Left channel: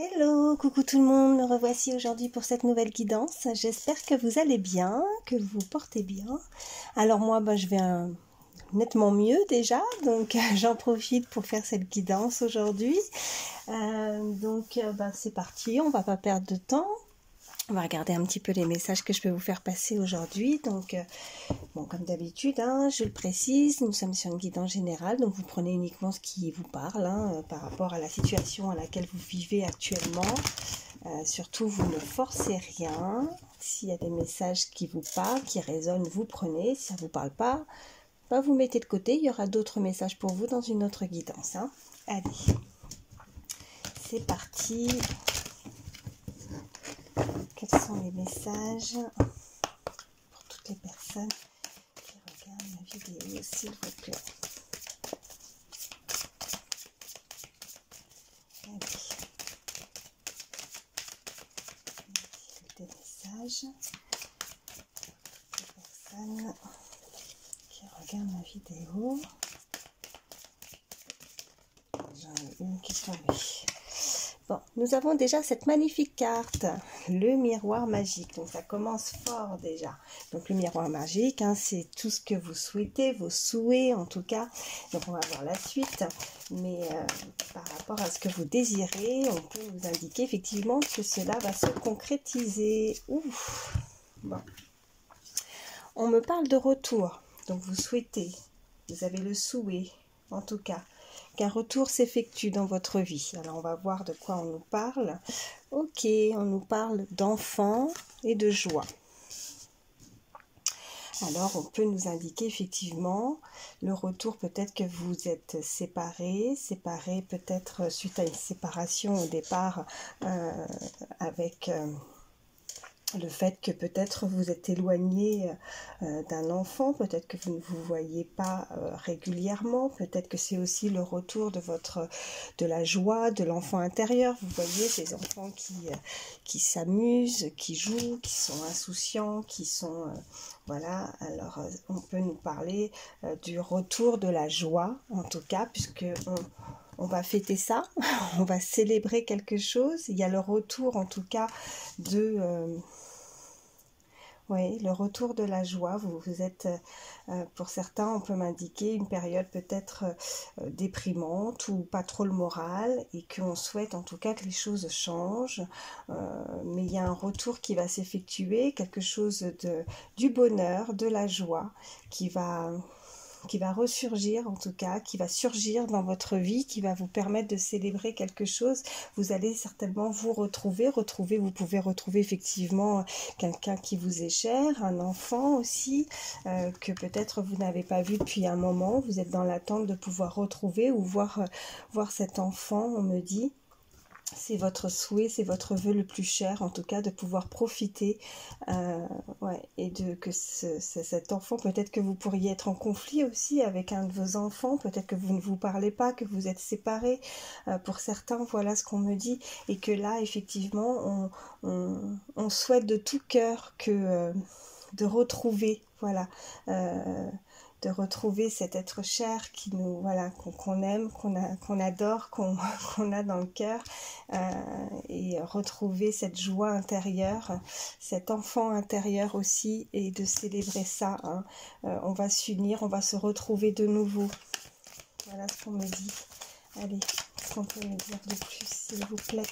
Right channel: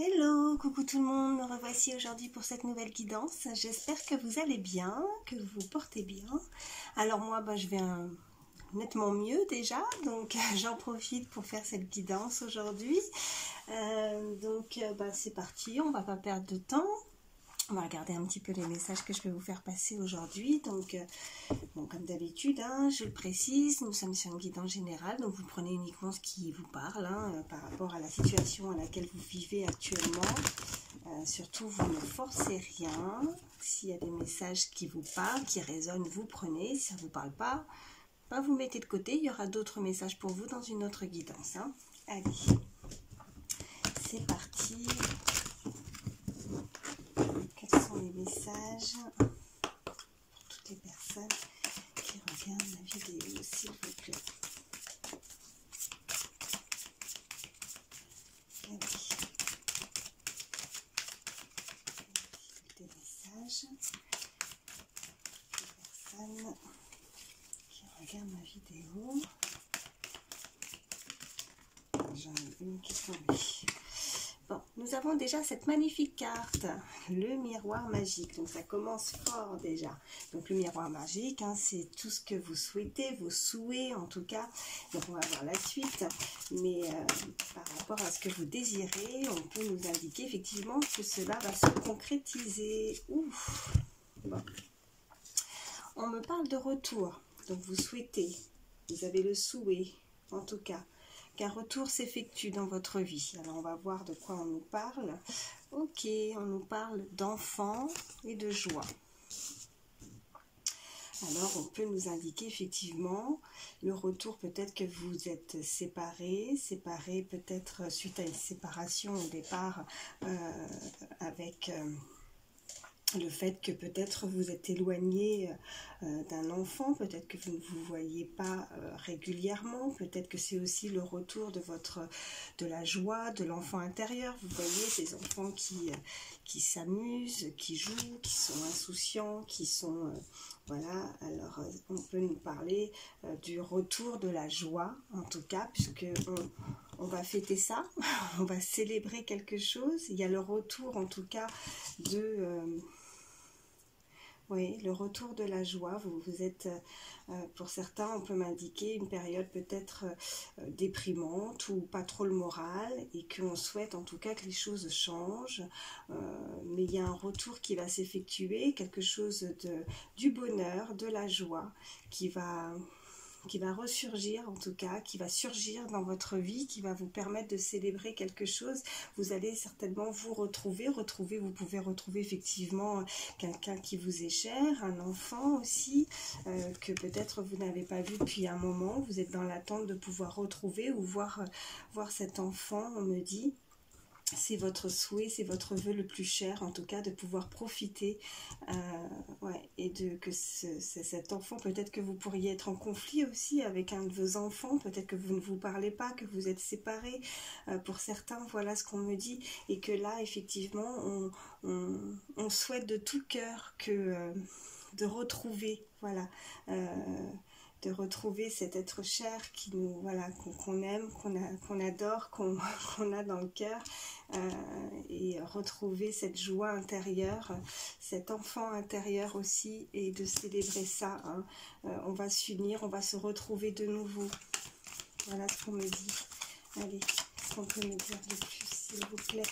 Hello, coucou tout le monde, me revoici aujourd'hui pour cette nouvelle guidance. J'espère que vous allez bien, que vous vous portez bien. Alors moi, je vais nettement mieux déjà, donc j'en profite pour faire cette guidance aujourd'hui. C'est parti, on va pas perdre de temps. On va regarder un petit peu les messages que je peux vous faire passer aujourd'hui. Donc, comme d'habitude, je le précise, nous sommes sur une guidance générale, donc vous prenez uniquement ce qui vous parle par rapport à la situation à laquelle vous vivez actuellement. Surtout, vous ne forcez rien. S'il y a des messages qui vous parlent, qui résonnent, vous prenez. Si ça ne vous parle pas, vous mettez de côté. Il y aura d'autres messages pour vous dans une autre guidance. Allez, c'est parti. Quels sont les messages pour toutes les personnes qui regardent la vidéo, s'il vous plaît? Allez. Des messages. Les personnes qui regardent ma vidéo. J'en ai une qui est tombée. Bon, nous avons déjà cette magnifique carte, le miroir magique. Donc ça commence fort déjà. Donc le miroir magique, c'est tout ce que vous souhaitez, vos souhaits en tout cas. Donc on va voir la suite. Mais par rapport à ce que vous désirez, on peut nous indiquer effectivement que cela va se concrétiser. Ouf. Bon. On me parle de retour. Donc vous souhaitez, vous avez le souhait en tout cas, qu'un retour s'effectue dans votre vie. Alors on va voir de quoi on nous parle. Ok, on nous parle d'enfants et de joie. Alors on peut nous indiquer effectivement le retour, peut-être que vous êtes séparés peut-être suite à une séparation au départ avec... le fait que peut-être vous êtes éloigné d'un enfant, peut-être que vous ne vous voyez pas régulièrement, peut-être que c'est aussi le retour de la joie de l'enfant intérieur. Vous voyez ces enfants qui s'amusent, qui jouent, qui sont insouciants, qui sont... voilà, alors on peut nous parler du retour de la joie, en tout cas, puisque on va fêter ça, on va célébrer quelque chose. Il y a le retour en tout cas de... oui, le retour de la joie. Vous êtes, pour certains, on peut m'indiquer une période peut-être déprimante ou pas trop le moral et qu'on souhaite en tout cas que les choses changent. Mais il y a un retour qui va s'effectuer, quelque chose du bonheur, de la joie qui va ressurgir en tout cas, qui va surgir dans votre vie, qui va vous permettre de célébrer quelque chose. Vous allez certainement vous retrouver, vous pouvez retrouver effectivement quelqu'un qui vous est cher, un enfant aussi, que peut-être vous n'avez pas vu depuis un moment, vous êtes dans l'attente de pouvoir retrouver ou voir cet enfant, on me dit. C'est votre souhait, c'est votre vœu le plus cher, en tout cas, de pouvoir profiter, et que cet enfant, peut-être que vous pourriez être en conflit aussi avec un de vos enfants, peut-être que vous ne vous parlez pas, que vous êtes séparés, pour certains, voilà ce qu'on me dit, et que là, effectivement, on souhaite de tout cœur que de retrouver, voilà, de retrouver cet être cher qui nous, voilà, qu'on aime, qu'on adore, qu'on a dans le cœur, et retrouver cette joie intérieure, cet enfant intérieur aussi, et de célébrer ça. On va s'unir, on va se retrouver de nouveau. Voilà ce qu'on me dit. Allez, qu'est-ce qu'on peut me dire de plus, s'il vous plaît?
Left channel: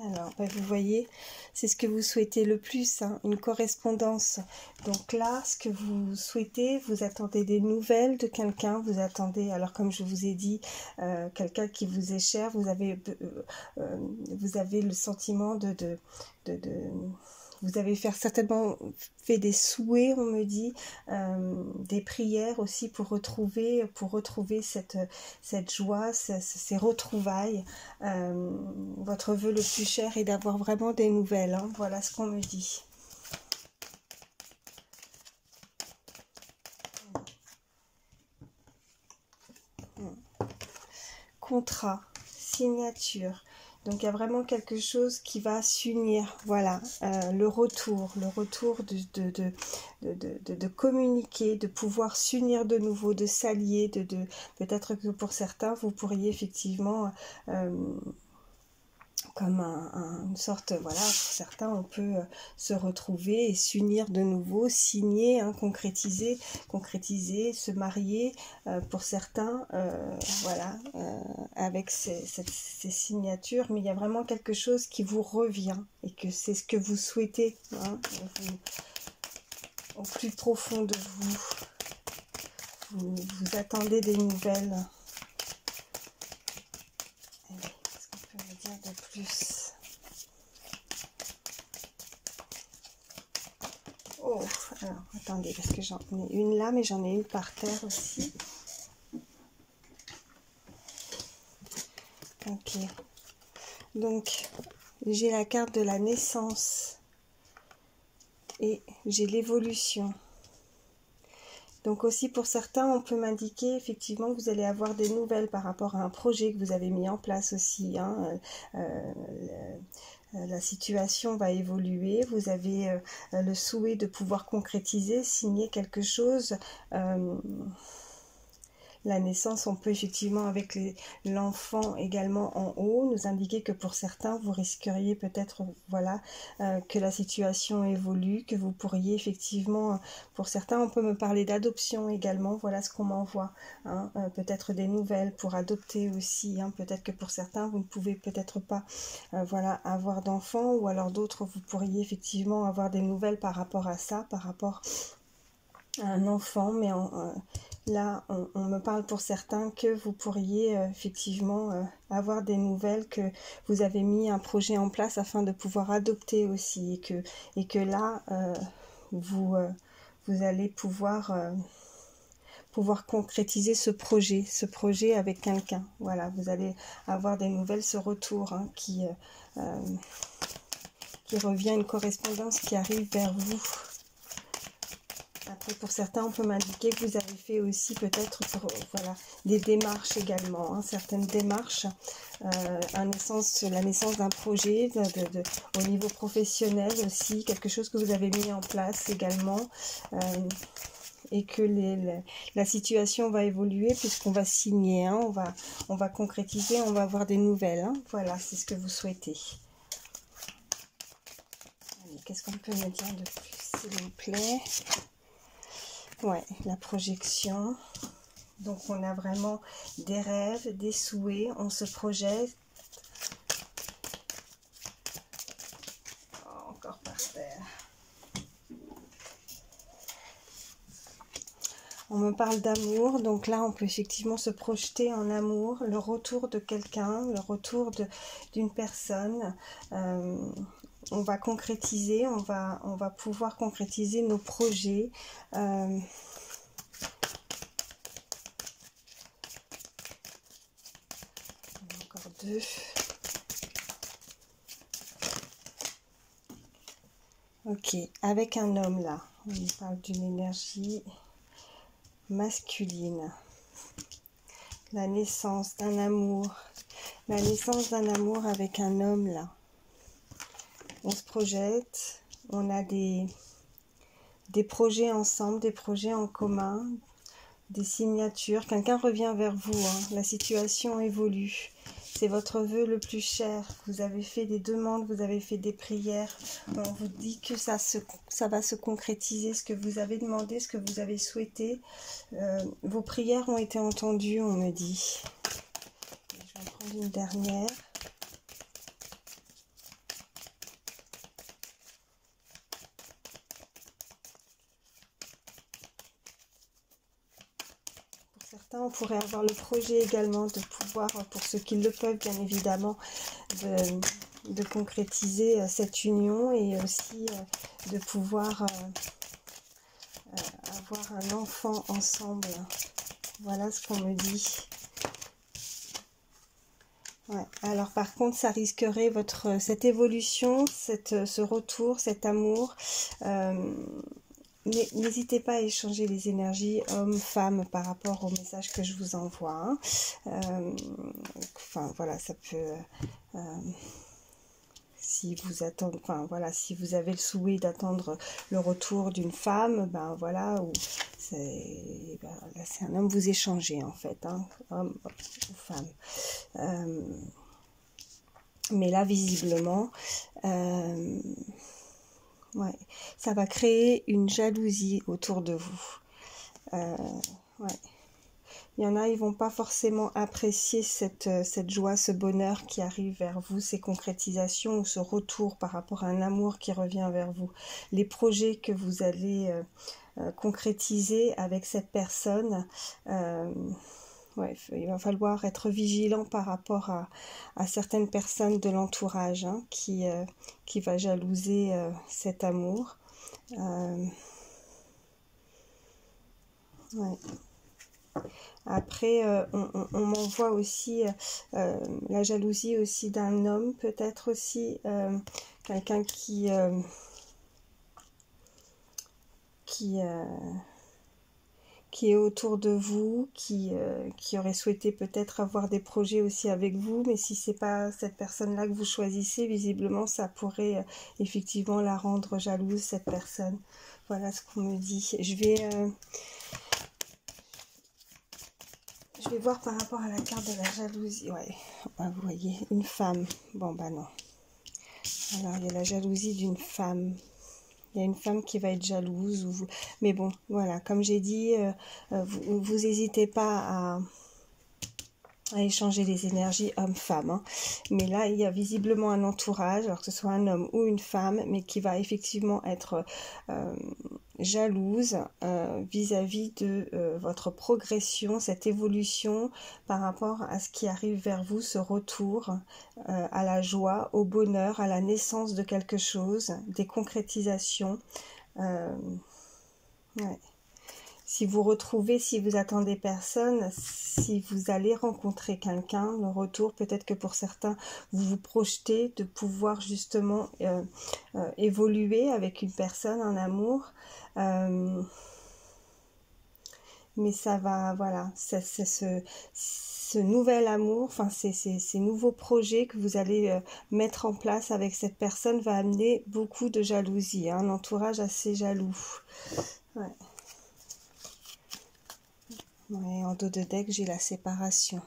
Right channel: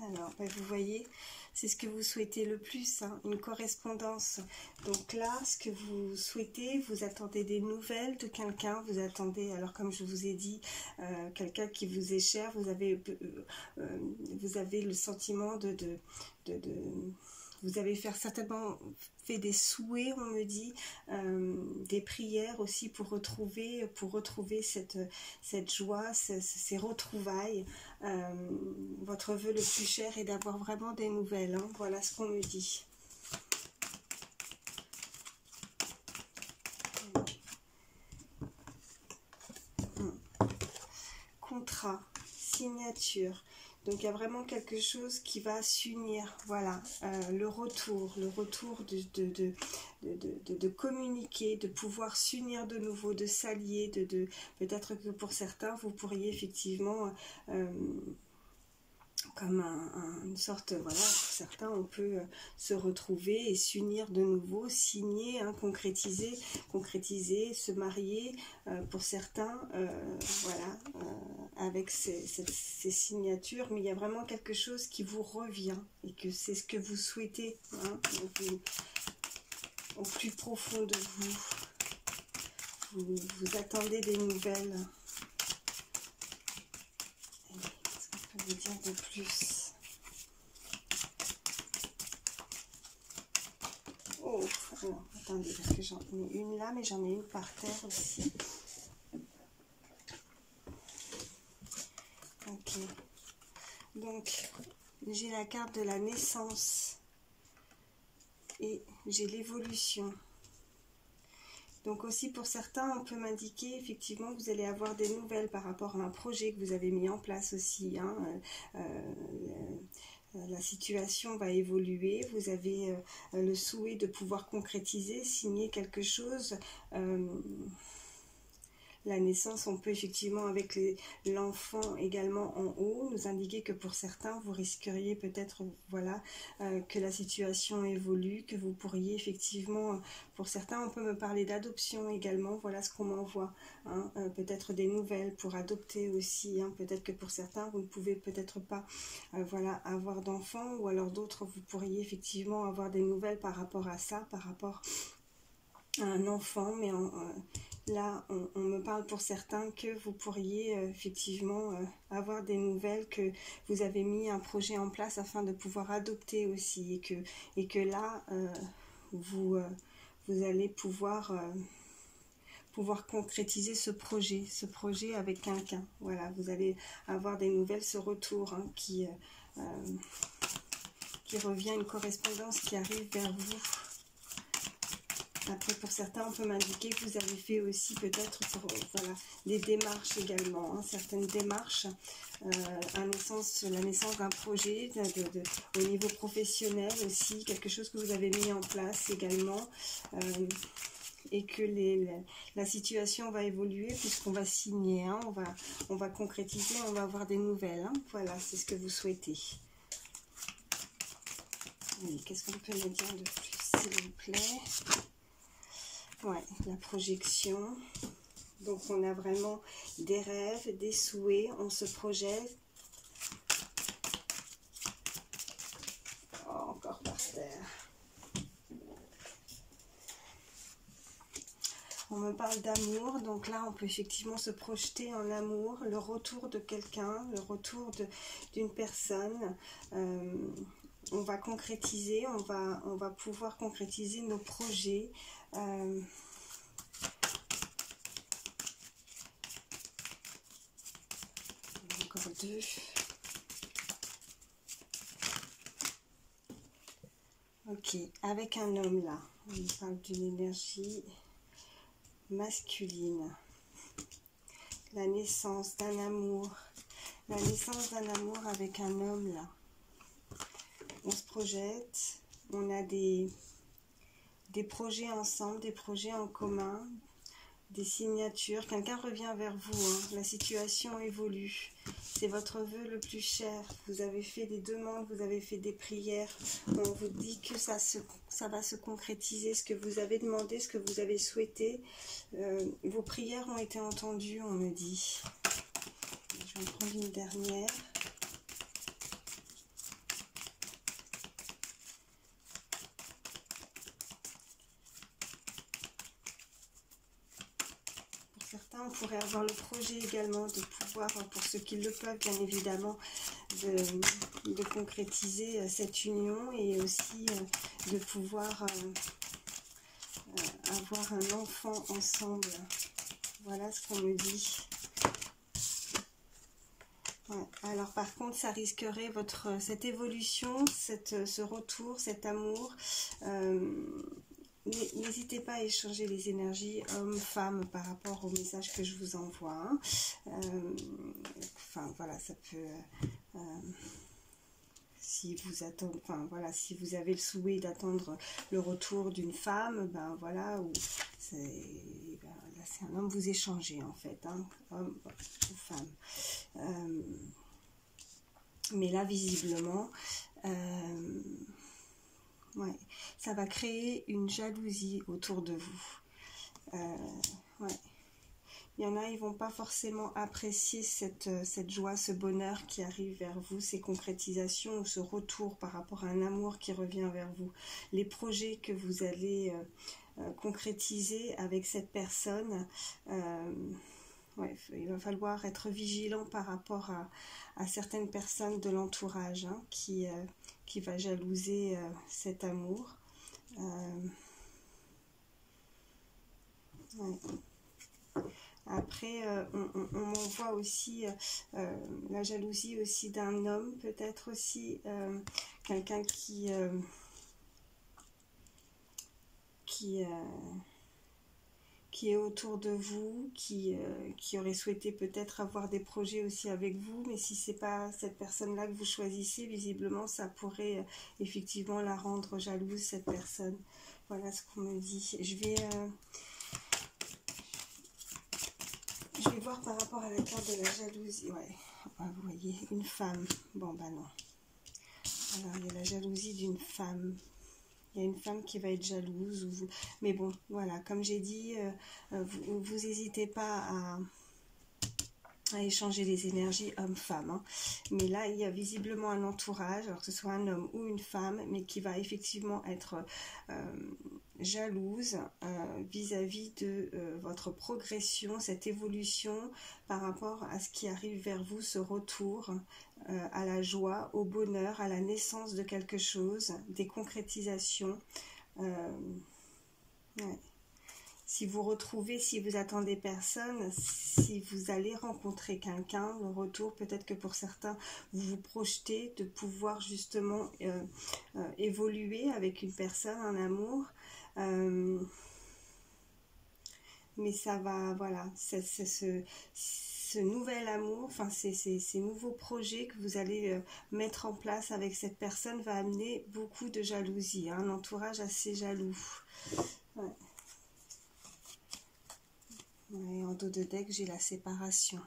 Alors, vous voyez, c'est ce que vous souhaitez le plus, une correspondance. Donc là, ce que vous souhaitez, vous attendez des nouvelles de quelqu'un, vous attendez, alors comme je vous ai dit, quelqu'un qui vous est cher, vous avez le sentiment vous avez certainement fait des souhaits, on me dit, des prières aussi pour retrouver cette joie, ces retrouvailles. Votre vœu le plus cher est d'avoir vraiment des nouvelles. Voilà ce qu'on me dit. Contrat, signature. Donc il y a vraiment quelque chose qui va s'unir, voilà, le retour de communiquer, de pouvoir s'unir de nouveau, de s'allier, peut-être que pour certains, vous pourriez effectivement, comme une sorte, voilà, pour certains, on peut se retrouver et s'unir de nouveau, signer, hein, concrétiser, se marier, pour certains, voilà, avec ces signatures, mais il y a vraiment quelque chose qui vous revient, et que c'est ce que vous souhaitez, hein, au plus profond de vous, vous attendez des nouvelles. Vous dire de plus. Oh, alors attendez, parce que j'en ai une là, mais j'en ai une par terre aussi. Ok. Donc, j'ai la carte de la naissance et j'ai l'évolution. Donc aussi pour certains, on peut m'indiquer effectivement que vous allez avoir des nouvelles par rapport à un projet que vous avez mis en place aussi, hein. La situation va évoluer, vous avez le souhait de pouvoir concrétiser, signer quelque chose. La naissance, on peut effectivement avec l'enfant également en haut nous indiquer que pour certains vous risqueriez peut-être, voilà, que la situation évolue, que vous pourriez effectivement, pour certains on peut me parler d'adoption également, voilà ce qu'on m'envoie, hein, peut-être des nouvelles pour adopter aussi, hein, peut-être que pour certains vous ne pouvez peut-être pas, voilà, avoir d'enfants, ou alors d'autres vous pourriez effectivement avoir des nouvelles par rapport à ça, par rapport à un enfant, mais là, on me parle pour certains que vous pourriez effectivement avoir des nouvelles, que vous avez mis un projet en place afin de pouvoir adopter aussi, et que là, vous allez pouvoir concrétiser ce projet avec quelqu'un. Voilà, vous allez avoir des nouvelles, ce retour, hein, qui revient, une correspondance qui arrive vers vous. Après, pour certains, on peut m'indiquer que vous avez fait aussi peut-être, voilà, des démarches également, hein, certaines démarches, la naissance d'un projet, au niveau professionnel aussi, quelque chose que vous avez mis en place également, et que la situation va évoluer puisqu'on va signer, hein, on va concrétiser, on va avoir des nouvelles, hein, voilà, c'est ce que vous souhaitez. Qu'est-ce qu'on peut me dire de plus, s'il vous plaît? Ouais, la projection. Donc on a vraiment des rêves, des souhaits, on se projette. Oh, encore par terre. On me parle d'amour, donc là on peut effectivement se projeter en amour, le retour de quelqu'un, le retour d'une personne. On va concrétiser, on va pouvoir concrétiser nos projets. Encore deux. Ok, avec un homme là, on parle d'une énergie masculine. La naissance d'un amour. La naissance d'un amour avec un homme là. On se projette, on a des projets ensemble, des projets en commun, des signatures. Quelqu'un revient vers vous, hein. La situation évolue. C'est votre vœu le plus cher. Vous avez fait des demandes, vous avez fait des prières. On vous dit que ça va se concrétiser, ce que vous avez demandé, ce que vous avez souhaité. Vos prières ont été entendues, on me dit. Je vais en prendre une dernière. On pourrait avoir le projet également de pouvoir, pour ceux qui le peuvent bien évidemment, de concrétiser cette union, et aussi de pouvoir avoir un enfant ensemble. Voilà ce qu'on me dit. Ouais. Alors par contre, ça risquerait cette évolution, ce retour, cet amour. N'hésitez pas à échanger les énergies hommes-femmes par rapport au message que je vous envoie. Enfin voilà, ça peut Si vous attendez, enfin voilà, si vous avez le souhait d'attendre le retour d'une femme, ben voilà, ou là c'est un homme, vous échangez en fait, hein, homme ou femme. Mais là visiblement, ouais, ça va créer une jalousie autour de vous. Ouais. Il y en a, ils vont pas forcément apprécier cette joie, ce bonheur qui arrive vers vous, ces concrétisations ou ce retour par rapport à un amour qui revient vers vous. Les projets que vous allez concrétiser avec cette personne, ouais, il va falloir être vigilant par rapport à certaines personnes de l'entourage, hein, qui va jalouser cet amour. Ouais. Après, on m'envoie aussi la jalousie aussi d'un homme, peut-être aussi quelqu'un qui est autour de vous, qui aurait souhaité peut-être avoir des projets aussi avec vous, mais si c'est pas cette personne-là que vous choisissez, visiblement ça pourrait effectivement la rendre jalouse, cette personne. Voilà ce qu'on me dit. Je vais voir par rapport à la carte de la jalousie. Ouais, vous voyez, une femme. Bon, bah non. Alors, il y a la jalousie d'une femme. Il y a une femme qui va être jalouse. Mais bon, voilà, comme j'ai dit, vous n'hésitez pas à échanger les énergies homme-femme, hein. Mais là, il y a visiblement un entourage, alors que ce soit un homme ou une femme, mais qui va effectivement être jalouse vis-à-vis de votre progression, cette évolution par rapport à ce qui arrive vers vous, ce retour à la joie, au bonheur, à la naissance de quelque chose, des concrétisations. Ouais. Si vous retrouvez, si vous attendez personne, si vous allez rencontrer quelqu'un, le retour, peut-être que pour certains, vous vous projetez de pouvoir justement évoluer avec une personne en amour. Mais ça va, voilà, c'est ce nouvel amour, enfin ces nouveaux projets que vous allez mettre en place avec cette personne va amener beaucoup de jalousie, hein, un entourage assez jaloux. Ouais. Ouais, en dos de deck, j'ai la séparation.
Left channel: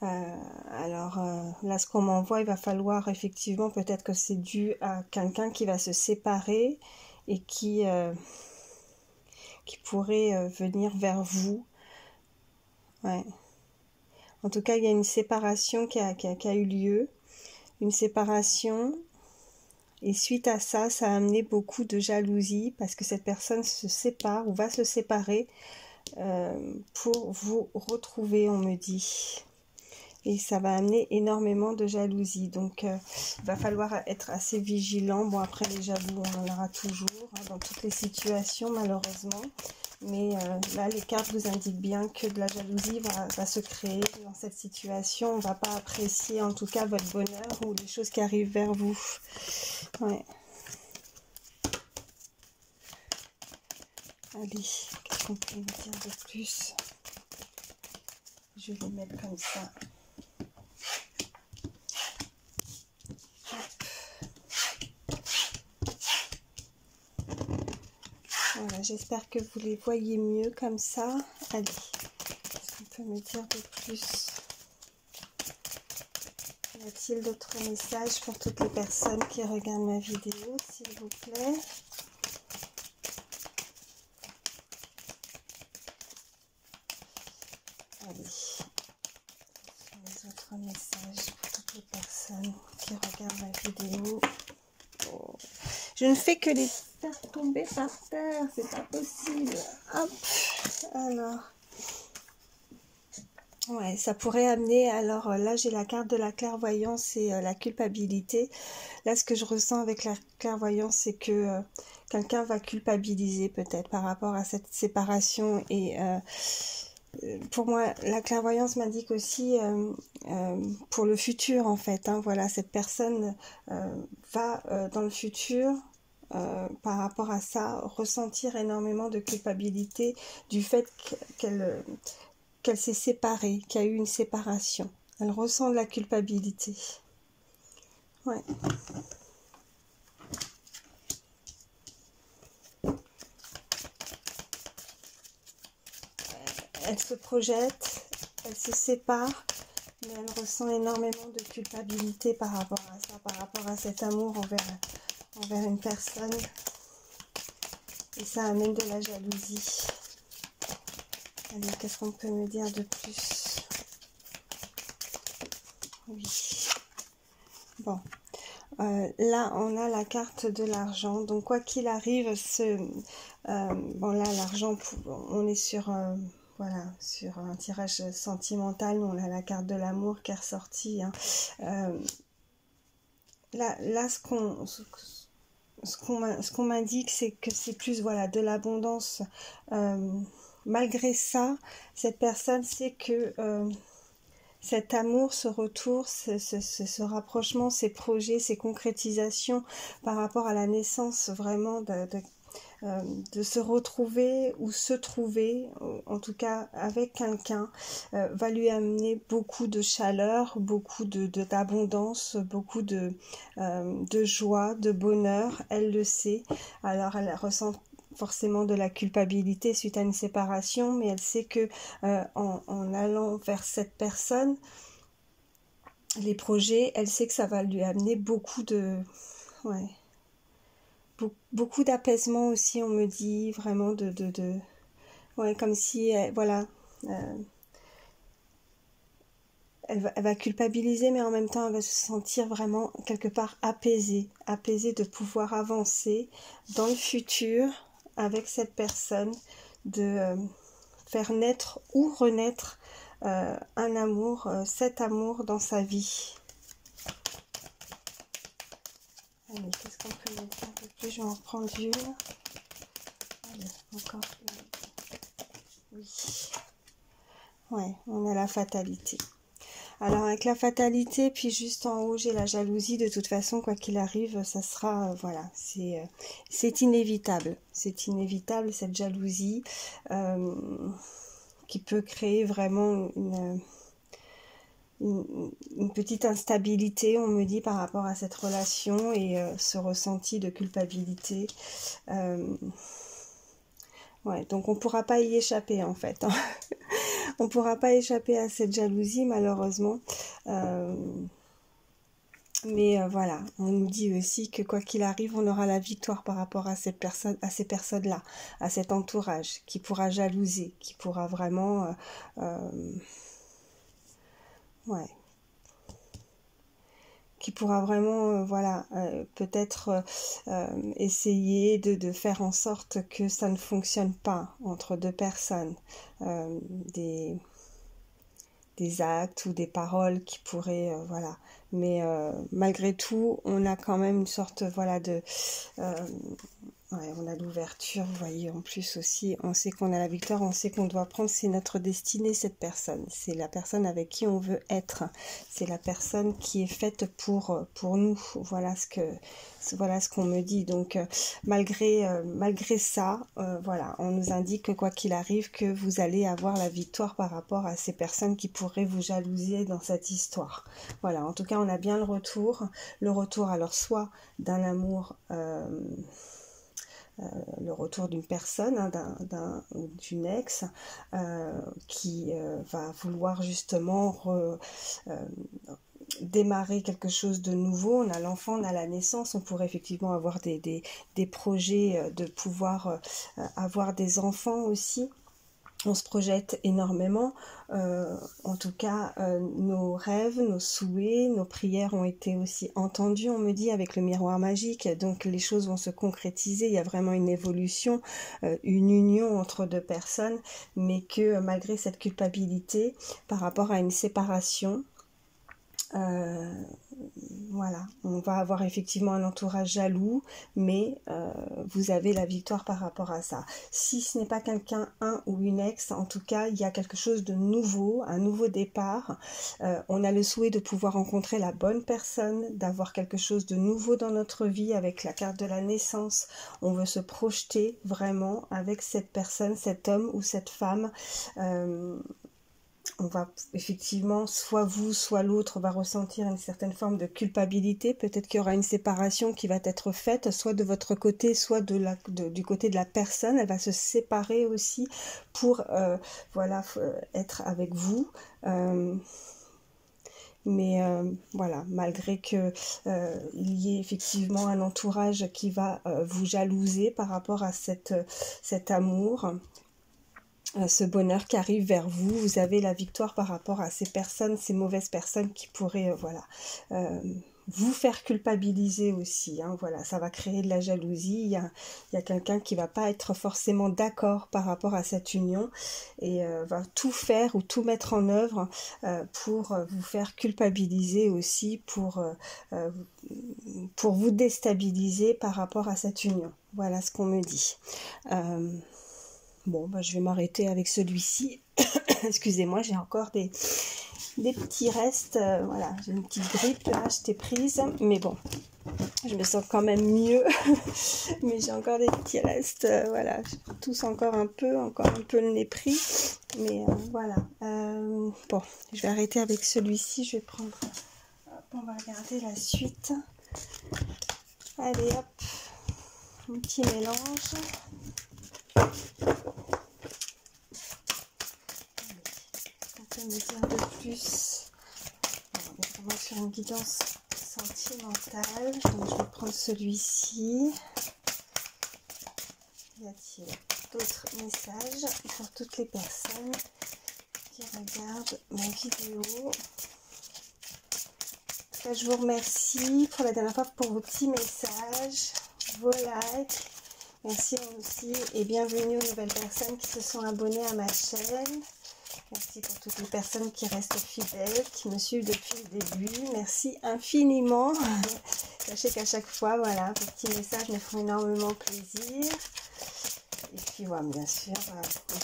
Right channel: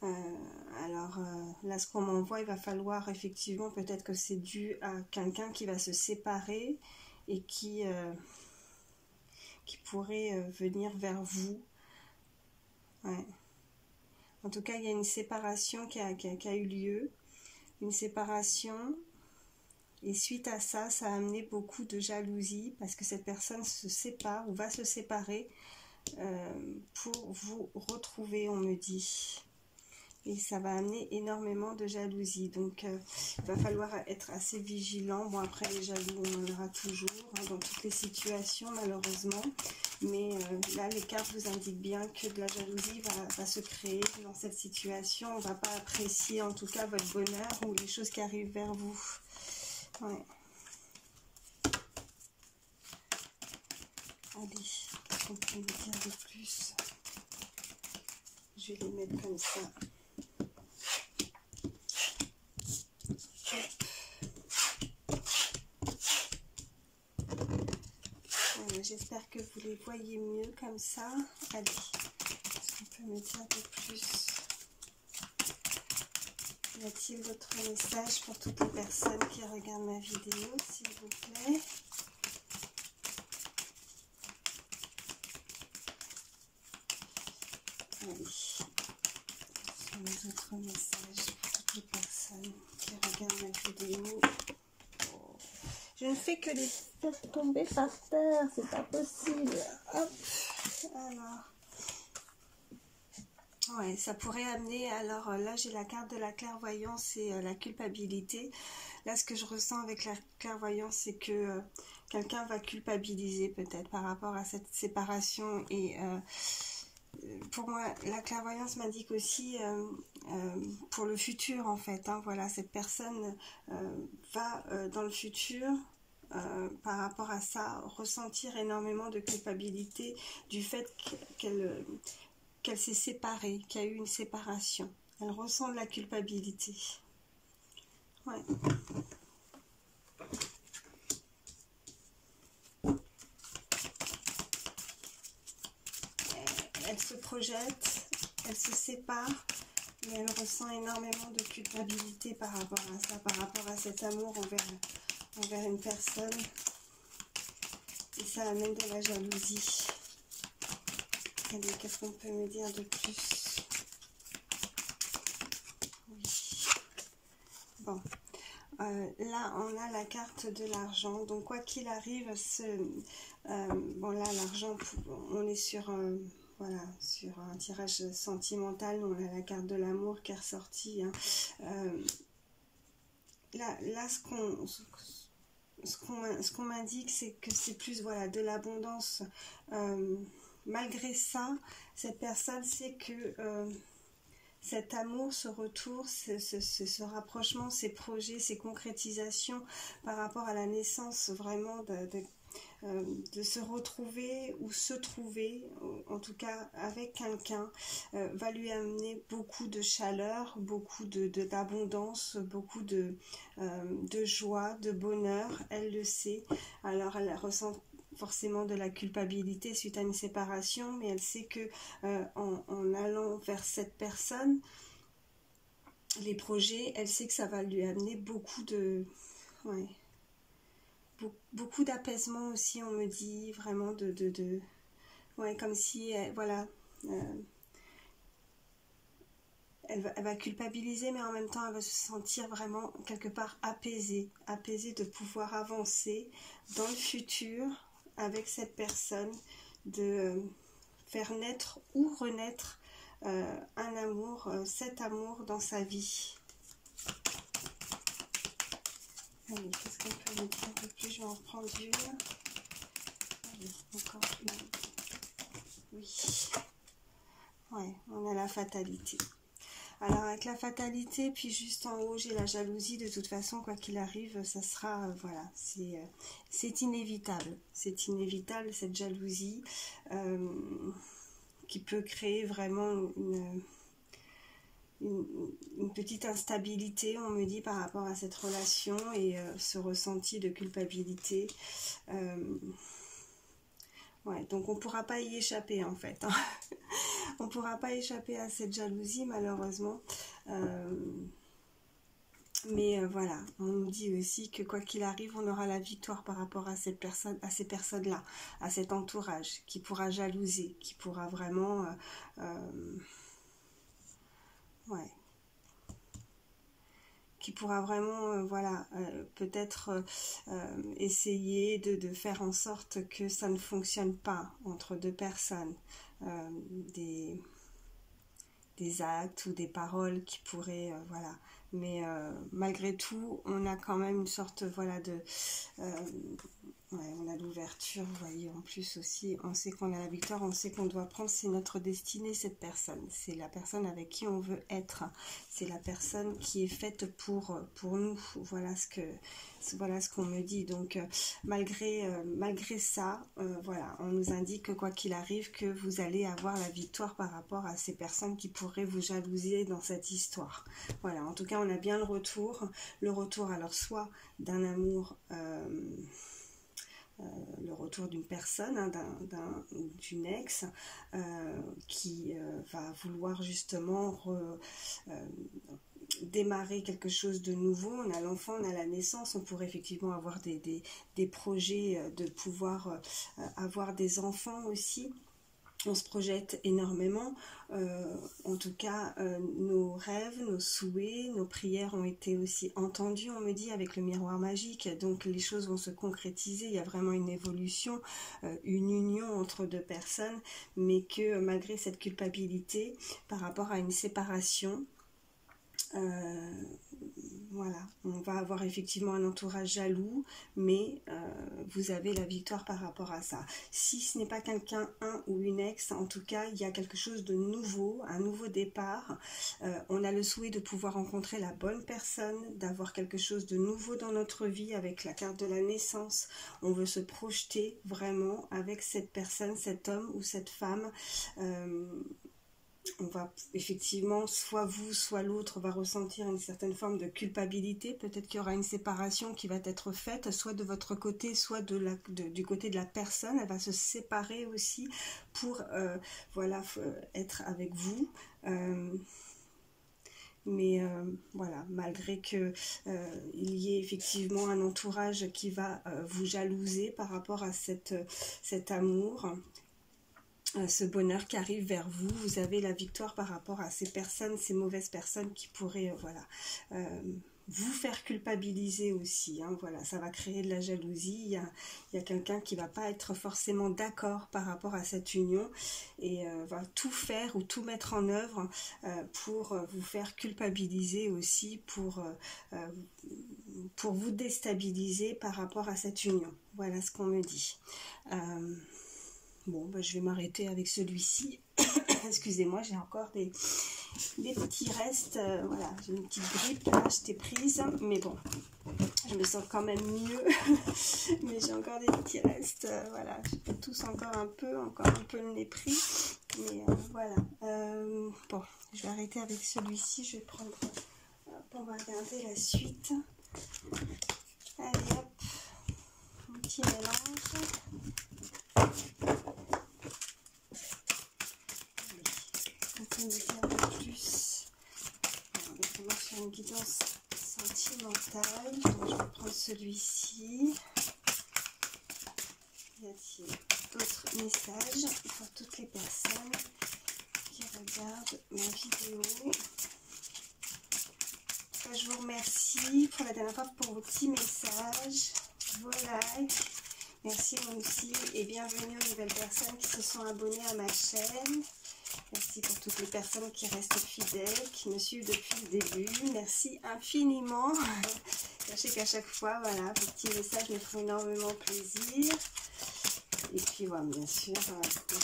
Alors là, ce qu'on m'envoie, il va falloir effectivement, peut-être que c'est dû à quelqu'un qui va se séparer et qui pourrait venir vers vous. Ouais. En tout cas, il y a une séparation qui a eu lieu. Une séparation. Et suite à ça, ça a amené beaucoup de jalousie parce que cette personne se sépare ou va se séparer pour vous retrouver, on me dit. Et ça va amener énormément de jalousie. Donc, il va falloir être assez vigilant. Bon, après, les jaloux, on en aura toujours, hein, dans toutes les situations, malheureusement. Mais là, les cartes vous indiquent bien que de la jalousie va se créer dans cette situation. On ne va pas apprécier, en tout cas, votre bonheur ou les choses qui arrivent vers vous. Ouais. Allez, qu'est-ce qu'on peut me dire de plus? Je vais les mettre comme ça. Voilà, j'espère que vous les voyez mieux comme ça. Allez, qu'est-ce qu'on peut me dire de plus? Y a-t-il d'autres messages pour toutes les personnes qui regardent ma vidéo, s'il vous plaît? Allez, ce sont les autres messages pour toutes les personnes qui regardent ma vidéo. Oh. Je ne fais que les faire tomber par terre, c'est pas possible. Hop, alors. Ouais, ça pourrait amener, alors là j'ai la carte de la clairvoyance et la culpabilité. Là ce que je ressens avec la clairvoyance, c'est que quelqu'un va culpabiliser peut-être par rapport à cette séparation. Et pour moi, la clairvoyance m'indique aussi pour le futur en fait, hein, voilà, cette personne va dans le futur par rapport à ça ressentir énormément de culpabilité du fait qu'elle s'est séparée, qu'il y a eu une séparation. Elle ressent de la culpabilité. Ouais. Elle se projette, elle se sépare, mais elle ressent énormément de culpabilité par rapport à ça, par rapport à cet amour envers une personne. Et ça amène de la jalousie. Allez, qu'est-ce qu'on peut me dire de plus? Oui. Bon. Là, on a la carte de l'argent. Donc, quoi qu'il arrive, bon, là, l'argent, on est sur... voilà, sur un tirage sentimental, on a la carte de l'amour qui est ressortie. Hein. Là, ce qu'on m'indique, c'est que c'est plus voilà, de l'abondance. Malgré ça, cette personne sait que cet amour, ce retour, ce rapprochement, ces projets, ces concrétisations par rapport à la naissance vraiment de se retrouver ou se trouver, en tout cas avec quelqu'un, va lui amener beaucoup de chaleur, beaucoup d'abondance, beaucoup de joie, de bonheur. Elle le sait. Alors elle ressent forcément de la culpabilité suite à une séparation, mais elle sait que en allant vers cette personne, les projets, elle sait que ça va lui amener beaucoup de... Ouais. Beaucoup d'apaisement aussi, on me dit, vraiment ouais, comme si, voilà, elle va culpabiliser, mais en même temps, elle va se sentir vraiment quelque part apaisée de pouvoir avancer dans le futur avec cette personne, de faire naître ou renaître un amour, cet amour dans sa vie. Allez, qu'est-ce qu'on peut me dire un peu plus? Je vais en reprendre une. Allez, encore une. Oui. Ouais, on a la fatalité. Alors, avec la fatalité, puis juste en haut, j'ai la jalousie. De toute façon, quoi qu'il arrive, ça sera... voilà, c'est inévitable. C'est inévitable, cette jalousie qui peut créer vraiment une petite instabilité, on me dit, par rapport à cette relation et ce ressenti de culpabilité. Ouais, donc on ne pourra pas y échapper en fait. Hein. On ne pourra pas échapper à cette jalousie malheureusement. Mais voilà, on nous dit aussi que quoi qu'il arrive, on aura la victoire par rapport à cette personne, à ces personnes-là, à cet entourage qui pourra jalouser, qui pourra vraiment... ouais. Qui pourra vraiment, voilà, peut-être essayer de faire en sorte que ça ne fonctionne pas entre deux personnes. Des actes ou des paroles qui pourraient, voilà. Mais malgré tout, on a quand même une sorte, voilà, ouais, on a l'ouverture, vous voyez, en plus aussi, on sait qu'on a la victoire, on sait qu'on doit prendre, c'est notre destinée, cette personne. C'est la personne avec qui on veut être. C'est la personne qui est faite pour nous. Voilà ce qu'on me dit. Donc, malgré ça, voilà, on nous indique que quoi qu'il arrive, que vous allez avoir la victoire par rapport à ces personnes qui pourraient vous jalouser dans cette histoire. Voilà, en tout cas, on a bien le retour alors soit d'un amour... le retour d'une personne, hein, d'une ex qui va vouloir justement démarrer quelque chose de nouveau. On a l'enfant, on a la naissance, on pourrait effectivement avoir des projets de pouvoir avoir des enfants aussi. On se projette énormément, en tout cas nos rêves, nos souhaits, nos prières ont été aussi entendues, on me dit, avec le miroir magique, donc les choses vont se concrétiser, il y a vraiment une évolution, une union entre deux personnes, mais que malgré cette culpabilité par rapport à une séparation, voilà, on va avoir effectivement un entourage jaloux, mais vous avez la victoire par rapport à ça. Si ce n'est pas quelqu'un, un ou une ex, en tout cas, il y a quelque chose de nouveau, un nouveau départ. On a le souhait de pouvoir rencontrer la bonne personne, d'avoir quelque chose de nouveau dans notre vie avec la carte de la naissance. On veut se projeter vraiment avec cette personne, cet homme ou cette femme. on va effectivement, soit vous, soit l'autre va ressentir une certaine forme de culpabilité. Peut-être qu'il y aura une séparation qui va être faite, soit de votre côté, soit du côté de la personne. Elle va se séparer aussi pour voilà, être avec vous. Mais voilà, malgré que il y ait effectivement un entourage qui va vous jalouser par rapport à cet amour, ce bonheur qui arrive vers vous, vous avez la victoire par rapport à ces personnes, ces mauvaises personnes qui pourraient voilà, vous faire culpabiliser aussi, hein, voilà, ça va créer de la jalousie. Il y a quelqu'un qui va pas être forcément d'accord par rapport à cette union et va tout faire ou tout mettre en œuvre pour vous faire culpabiliser aussi, pour vous déstabiliser par rapport à cette union. Voilà ce qu'on me dit. Bon, bah, je vais m'arrêter avec celui-ci. Excusez-moi, j'ai encore des petits restes. Voilà, j'ai une petite grippe là, j'étais prise. Mais bon, je me sens quand même mieux. Mais j'ai encore des petits restes. Voilà, je tousse encore un peu le nez pris. Mais voilà. Bon, je vais arrêter avec celui-ci. Je vais prendre... Hop, on va regarder la suite. Allez, hop. Un petit mélange. On me dire de plus. On est vraiment sur une guidance sentimentale. Donc, je vais prendre celui-ci. Y a-t-il d'autres messages pour toutes les personnes qui regardent ma vidéo? Je vous remercie pour la dernière fois pour vos petits messages, vos likes. Merci aussi et bienvenue aux nouvelles personnes qui se sont abonnées à ma chaîne. Merci pour toutes les personnes qui restent fidèles, qui me suivent depuis le début. Merci infiniment. Sachez qu'à chaque fois, voilà, vos petits messages me font énormément plaisir. Et puis, voilà, bien sûr,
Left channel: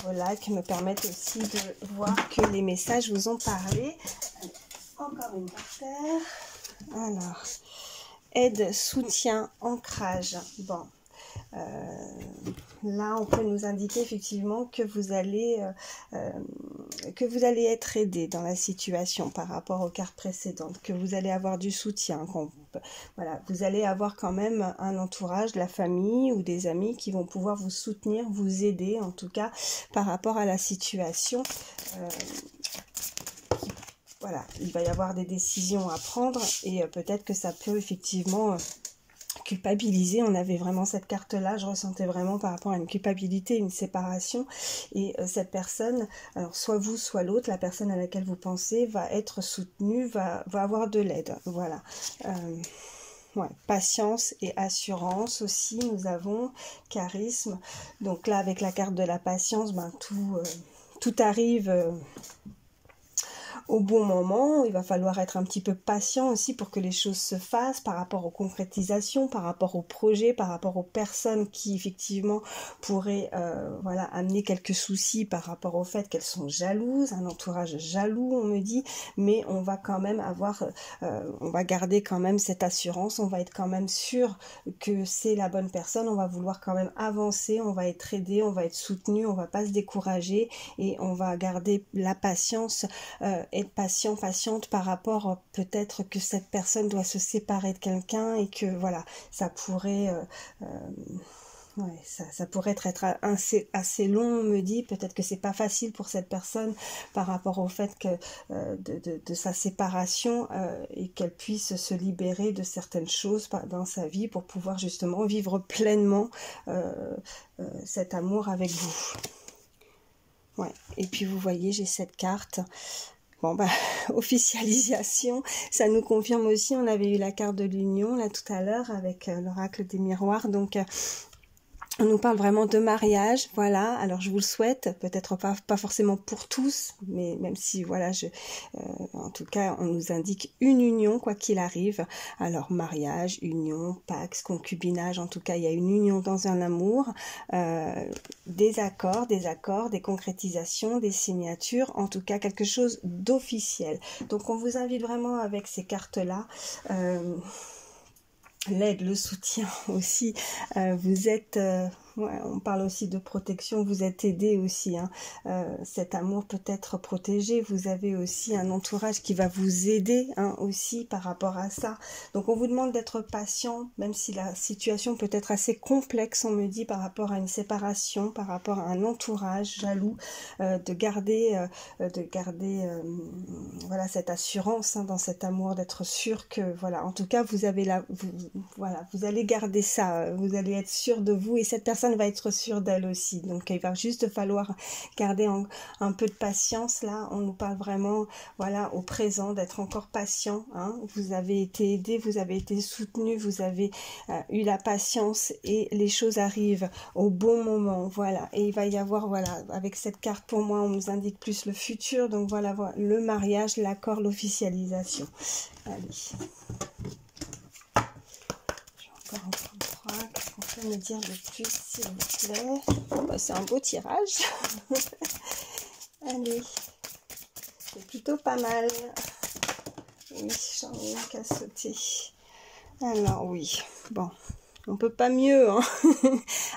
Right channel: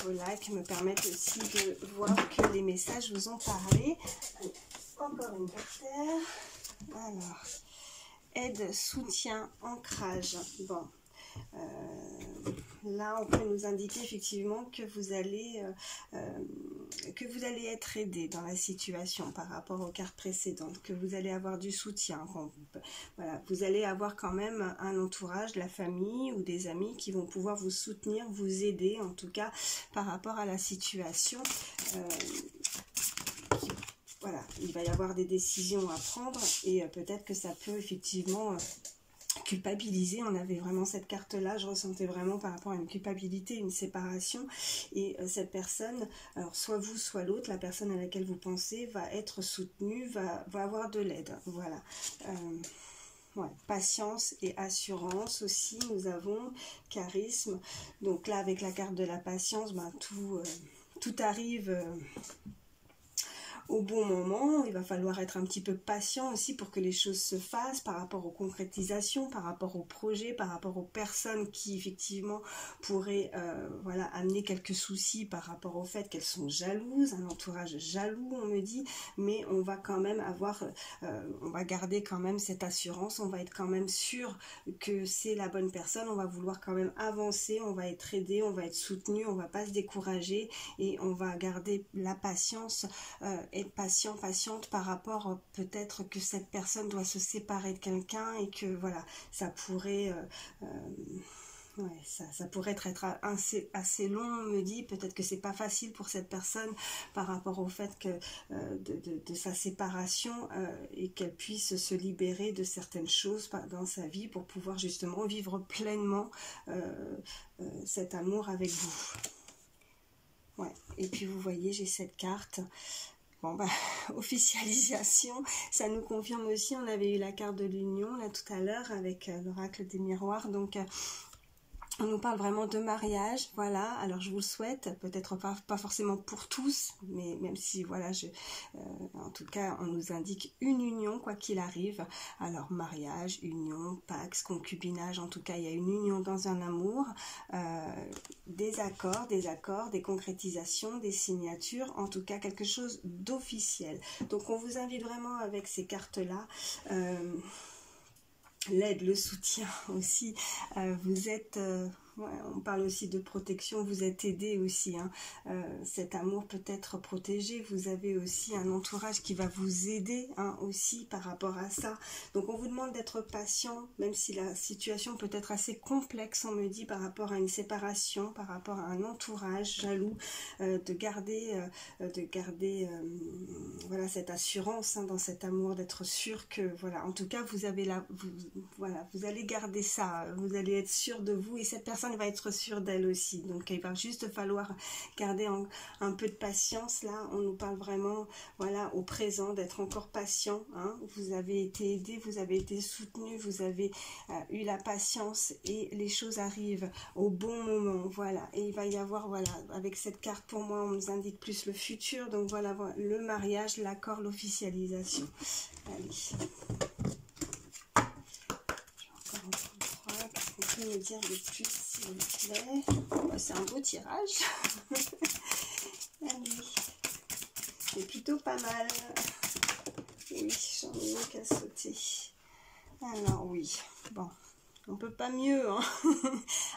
vos likes me permettent aussi de voir que les messages vous ont parlé. Encore une par terre. Alors, aide, soutien, ancrage. Bon. Là, on peut nous indiquer effectivement que vous allez être aidé dans la situation par rapport aux cartes précédentes, que vous allez avoir du soutien. Voilà, vous allez avoir quand même un entourage, de la famille ou des amis qui vont pouvoir vous soutenir, vous aider en tout cas par rapport à la situation. Voilà, il va y avoir des décisions à prendre et peut-être que ça peut effectivement... culpabiliser, on avait vraiment cette carte là, je ressentais vraiment par rapport à une culpabilité, une séparation, et cette personne, alors soit vous soit l'autre, la personne à laquelle vous pensez va être soutenue, va avoir de l'aide, voilà. Ouais, patience et assurance aussi, nous avons charisme, donc là avec la carte de la patience, ben, tout arrive au bon moment. Il va falloir être un petit peu patient aussi pour que les choses se fassent par rapport aux concrétisations, par rapport aux projets, par rapport aux personnes qui effectivement pourraient voilà, amener quelques soucis par rapport au fait qu'elles sont jalouses, un entourage jaloux on me dit, mais on va quand même avoir, on va garder quand même cette assurance, on va être quand même sûr que c'est la bonne personne, on va vouloir quand même avancer, on va être aidé, on va être soutenu, on va pas se décourager et on va garder la patience, être patient, patiente par rapport peut-être que cette personne doit se séparer de quelqu'un et que voilà, ça pourrait ouais, ça pourrait être assez long, on me dit, peut-être que c'est pas facile pour cette personne par rapport au fait que de sa séparation et qu'elle puisse se libérer de certaines choses dans sa vie pour pouvoir justement vivre pleinement cet amour avec vous. Ouais. Et puis vous voyez, j'ai cette carte. Bon, bah, officialisation, ça nous confirme aussi, on avait eu la carte de l'union là tout à l'heure avec l'oracle des miroirs, donc on nous parle vraiment de mariage, voilà, alors je vous le souhaite, peut-être pas forcément pour tous, mais même si, voilà, en tout cas, on nous indique une union, quoi qu'il arrive, alors mariage, union, pax, concubinage, en tout cas, il y a une union dans un amour, des accords, des concrétisations, des signatures, en tout cas, quelque chose d'officiel. Donc, on vous invite vraiment avec ces cartes-là, l'aide, le soutien aussi, vous êtes Ouais, on parle aussi de protection, vous êtes aidé aussi, hein. Cet amour peut être protégé, vous avez aussi un entourage qui va vous aider, hein, aussi par rapport à ça. Donc on vous demande d'être patient, même si la situation peut être assez complexe, on me dit, par rapport à une séparation, par rapport à un entourage jaloux, de garder voilà, cette assurance, hein, dans cet amour, d'être sûr que, voilà, en tout cas vous avez voilà, vous allez garder ça, vous allez être sûr de vous et cette personne va être sûre d'elle aussi. Donc il va juste falloir garder un peu de patience. Là on nous parle vraiment, voilà, au présent, d'être encore patient, hein. Vous avez été aidé, vous avez été soutenu, vous avez eu la patience et les choses arrivent au bon moment, voilà. Et il va y avoir, voilà, avec cette carte, pour moi on nous indique plus le futur, donc voilà, voilà, le mariage, l'accord, l'officialisation. Allez, me dire de plus, s'il vous plaît. Oh, bah, c'est un beau tirage. Allez, c'est plutôt pas mal. Oui, j'en ai une qu'à sauter. Alors oui, bon, on peut pas mieux, hein.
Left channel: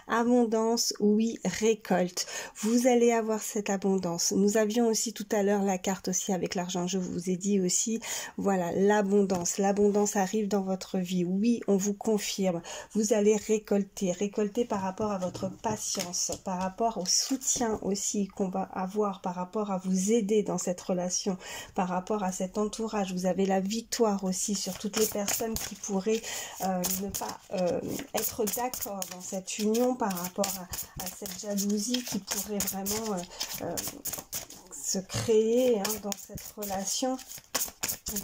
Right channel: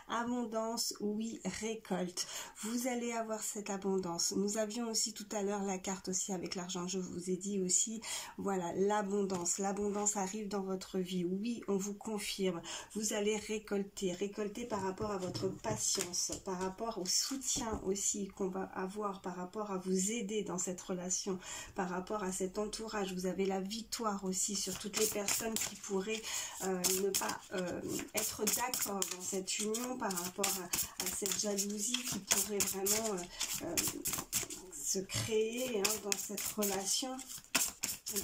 Abondance, oui, récolte. Vous allez avoir cette abondance. Nous avions aussi tout à l'heure la carte aussi avec l'argent. Je vous ai dit aussi, voilà, l'abondance. L'abondance arrive dans votre vie. Oui, on vous confirme. Vous allez récolter. Récolter par rapport à votre patience, par rapport au soutien aussi qu'on va avoir, par rapport à vous aider dans cette relation, par rapport à cet entourage. Vous avez la victoire aussi sur toutes les personnes qui pourraient ne pas être d'accord dans cette union, par rapport à cette jalousie qui pourrait vraiment se créer, hein, dans cette relation.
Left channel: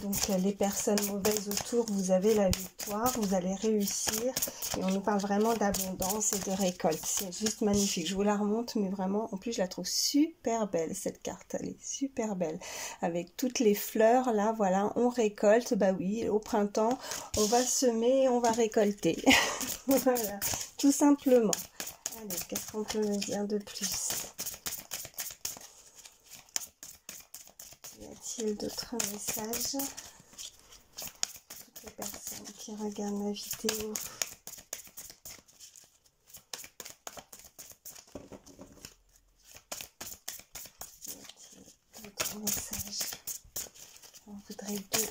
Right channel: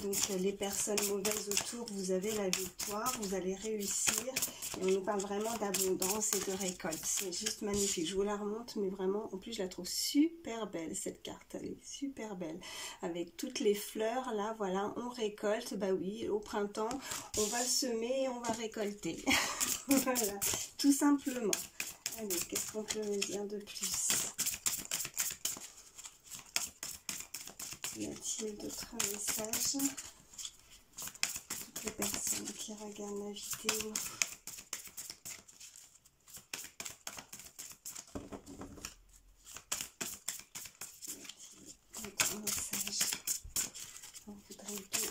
Donc les personnes mauvaises autour, vous avez la victoire, vous allez réussir. Et on nous parle vraiment d'abondance et de récolte. C'est juste magnifique. Je vous la remonte, mais vraiment, en plus je la trouve super belle, cette carte. Elle est super belle. Avec toutes les fleurs, là, voilà, on récolte. Bah oui, au printemps, on va semer et on va récolter. Voilà, tout simplement. Allez, qu'est-ce qu'on peut me dire de plus? Y a-t-il d'autres messages? Toutes les personnes qui regardent ma vidéo. Y a-t-il d'autres messages? On voudrait deux.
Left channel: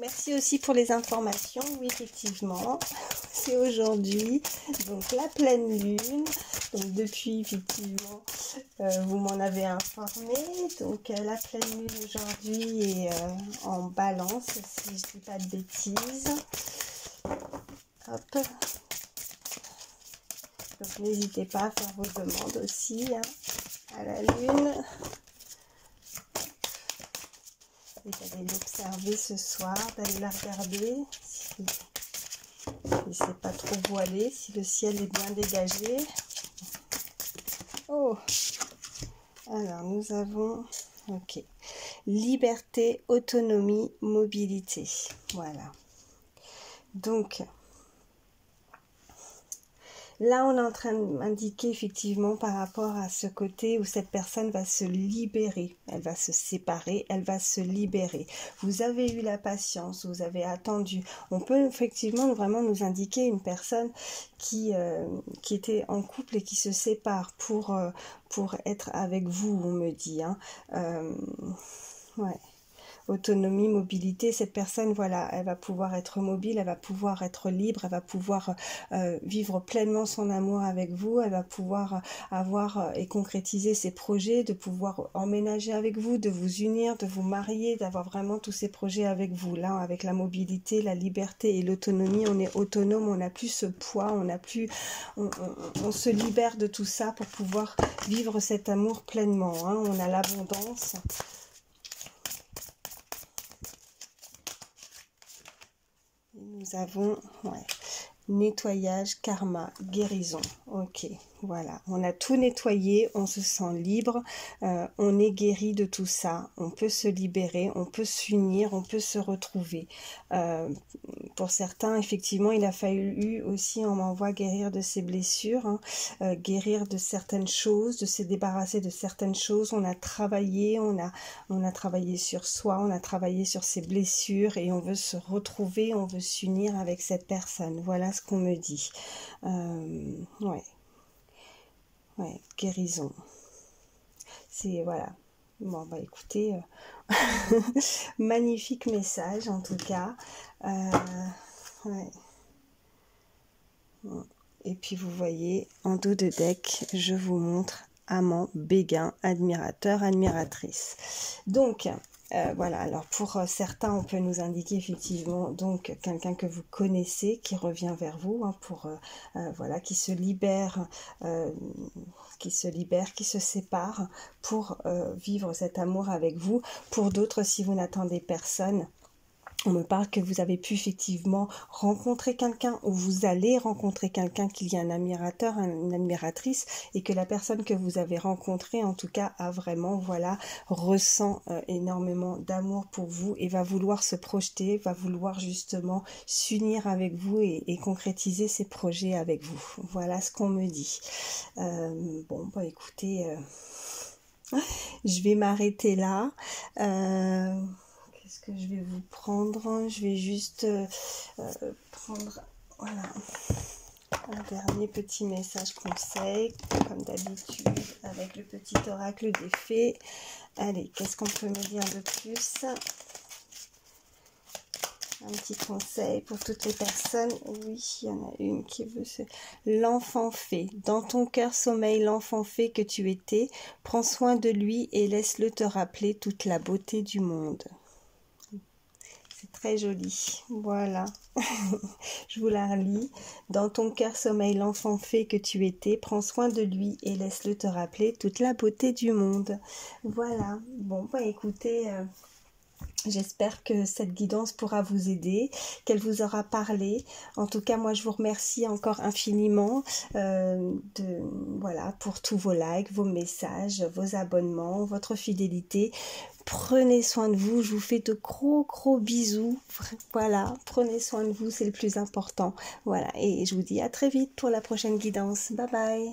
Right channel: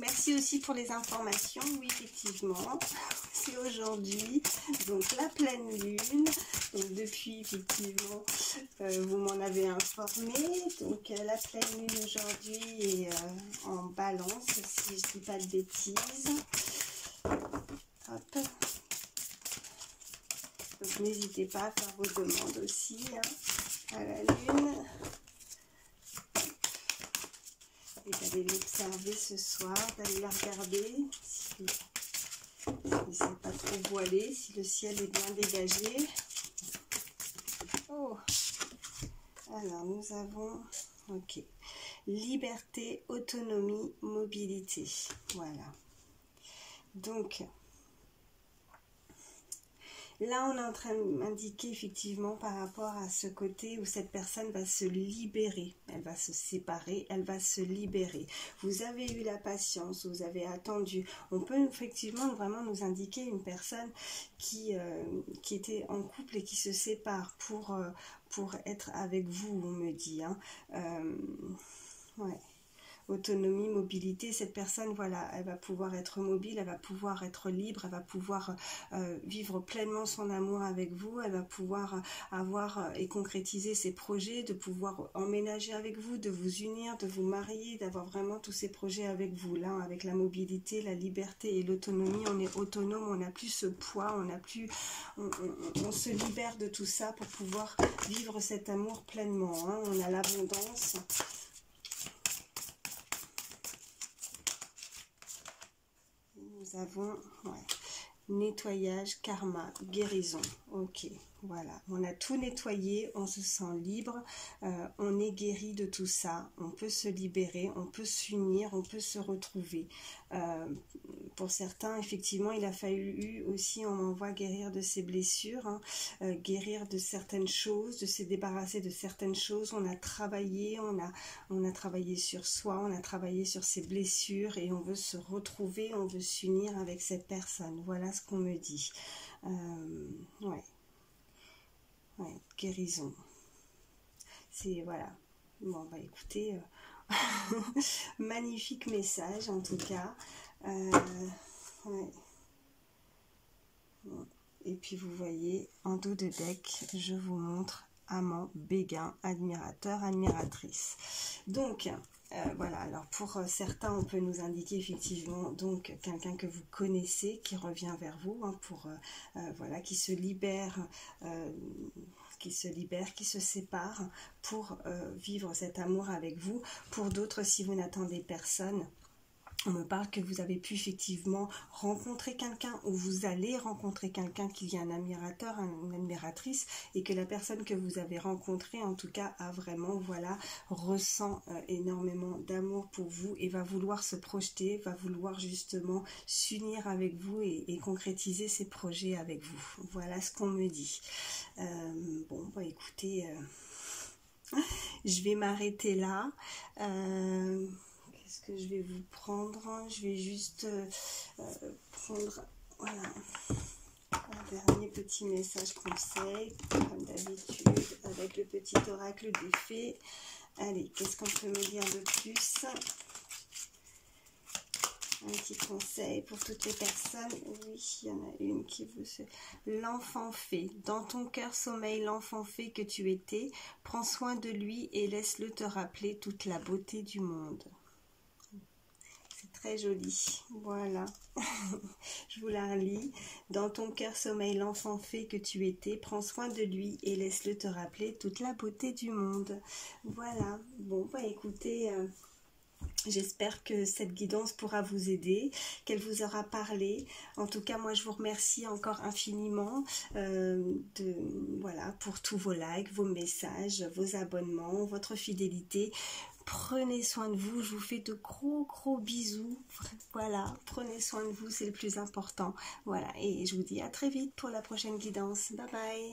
Merci aussi pour les informations. Oui, effectivement, c'est aujourd'hui, donc la pleine lune. Donc depuis, effectivement, vous m'en avez informé. Donc la pleine lune aujourd'hui est en balance, si je ne dis pas de bêtises. Hop. Donc n'hésitez pas à faire vos demandes aussi, hein, à la lune. Et d'aller l'observer ce soir, d'aller la regarder, si c'est pas trop voilé, si le ciel est bien dégagé. Oh, alors nous avons, ok, liberté, autonomie, mobilité, voilà. Donc là, on est en train de m'indiquer effectivement par rapport à ce côté où cette personne va se libérer. Elle va se séparer, elle va se libérer. Vous avez eu la patience, vous avez attendu. On peut effectivement vraiment nous indiquer une personne qui était en couple et qui se sépare pour être avec vous, on me dit, hein. Ouais. Autonomie, mobilité, cette personne, voilà, elle va pouvoir être mobile, elle va pouvoir être libre, elle va pouvoir vivre pleinement son amour avec vous, elle va pouvoir avoir et concrétiser ses projets, de pouvoir emménager avec vous, de vous unir, de vous marier, d'avoir vraiment tous ces projets avec vous. Là, avec la mobilité, la liberté et l'autonomie, on est autonome, on n'a plus ce poids, on n'a plus, on se libère de tout ça pour pouvoir vivre cet amour pleinement, hein. On a l'abondance. Nous avons, ouais, nettoyage, karma, guérison. Ok, voilà. On a tout nettoyé, on se sent libre, on est guéri de tout ça. On peut se libérer, on peut s'unir, on peut se retrouver. pour certains, effectivement, il a fallu aussi, on m'envoie guérir de ses blessures, hein, guérir de certaines choses, de se débarrasser de certaines choses. On a travaillé, on a travaillé sur soi, on a travaillé sur ses blessures et on veut se retrouver, on veut s'unir avec cette personne. Voilà ce qu'on me dit. Ouais, guérison. C'est, voilà. Bon, bah écoutez, magnifique message en tout cas. Ouais. Et puis vous voyez, en dos de deck, je vous montre amant, béguin, admirateur, admiratrice. Donc, voilà, alors pour certains, on peut nous indiquer effectivement donc quelqu'un que vous connaissez qui revient vers vous, hein, pour voilà, qui se libère, qui se sépare pour vivre cet amour avec vous. Pour d'autres, si vous n'attendez personne, on me parle que vous avez pu effectivement rencontrer quelqu'un ou vous allez rencontrer quelqu'un, qu'il y a un admirateur, une admiratrice, et que la personne que vous avez rencontrée, en tout cas, a vraiment, voilà, ressent énormément d'amour pour vous et va vouloir se projeter, va vouloir justement s'unir avec vous et concrétiser ses projets avec vous. Voilà ce qu'on me dit. Bon, bah écoutez, je vais m'arrêter là. Qu'est-ce que je vais vous prendre? Je vais juste prendre, voilà, un dernier petit message conseil, comme d'habitude, avec le petit oracle des fées. Allez, qu'est-ce qu'on peut me dire de plus? Un petit conseil pour toutes les personnes. Oui, il y en a une qui veut se... L'enfant fée. Dans ton cœur sommeille l'enfant fée que tu étais. Prends soin de lui et laisse-le te rappeler toute la beauté du monde. C'est très joli. Voilà. Je vous la relis. Dans ton cœur sommeille l'enfant fée que tu étais. Prends soin de lui et laisse-le te rappeler toute la beauté du monde. Voilà. Bon, bah écoutez... J'espère que cette guidance pourra vous aider, qu'elle vous aura parlé. En tout cas, moi, je vous remercie encore infiniment voilà, pour tous vos likes, vos messages, vos abonnements, votre fidélité. Prenez soin de vous, je vous fais de gros bisous. Voilà, prenez soin de vous, c'est le plus important. Voilà, et je vous dis à très vite pour la prochaine guidance. Bye bye.